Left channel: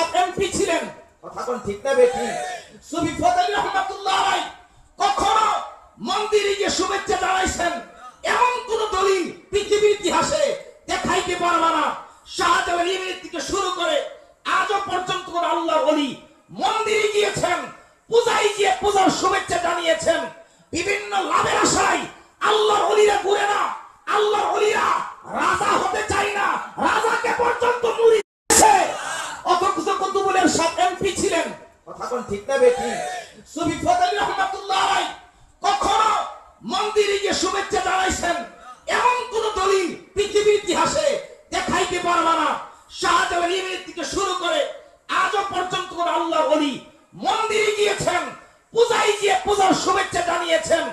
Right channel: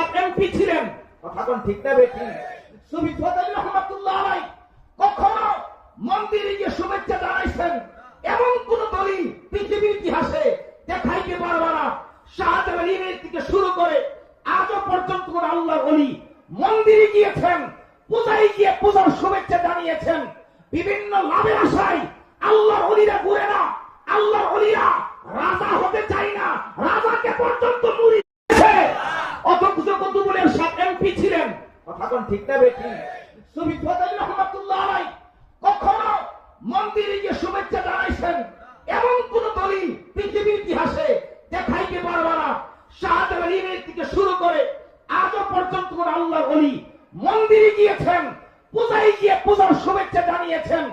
সাত এমপি ছিলেন, কথা কোন ঠিক না বেঠি? সুফি ফজল রহমাতুল্লাহ আলাইহি কখনো মন্দিরে গিয়ে শুভেচ্ছা জানাইছেন এমন কোন দলিল পৃথিবীর ইতিহাসে দেখাইতে পারবে না। শাহজালাল ইমাম থেকে শুরু করে আজও পর্যন্ত কোন আল্লাহর ওলি মন্দিরে গিয়েছেন, পূজায় গিয়ে পূজার শুভেচ্ছা জানিয়েছেন। বিভিন্ন লাভের আশায় আল্লাহর ওলিরা ঘুরে না, আল্লাহর ওলিরা রাজা হতে চায় না, রাজাকে পর্যন্ত মুড়ি দিয়েছে। অথচ কুতুবুলের সাত এমপি ছিলেন, কথা কোন ঠিক না বেঠি? সুফি ফজল রহমাতুল্লাহ আলাইহি কখনো মন্দিরে গিয়ে শুভেচ্ছা জানাইছেন এমন কোন দলিল পৃথিবীর ইতিহাসে দেখাইতে পারবে না। শাহজালাল ইমাম থেকে শুরু করে আজও পর্যন্ত কোন আল্লাহর ওলি মন্দিরে গিয়েছেন, পূজায় গিয়ে পূজার শুভেচ্ছা জানিয়েছেন।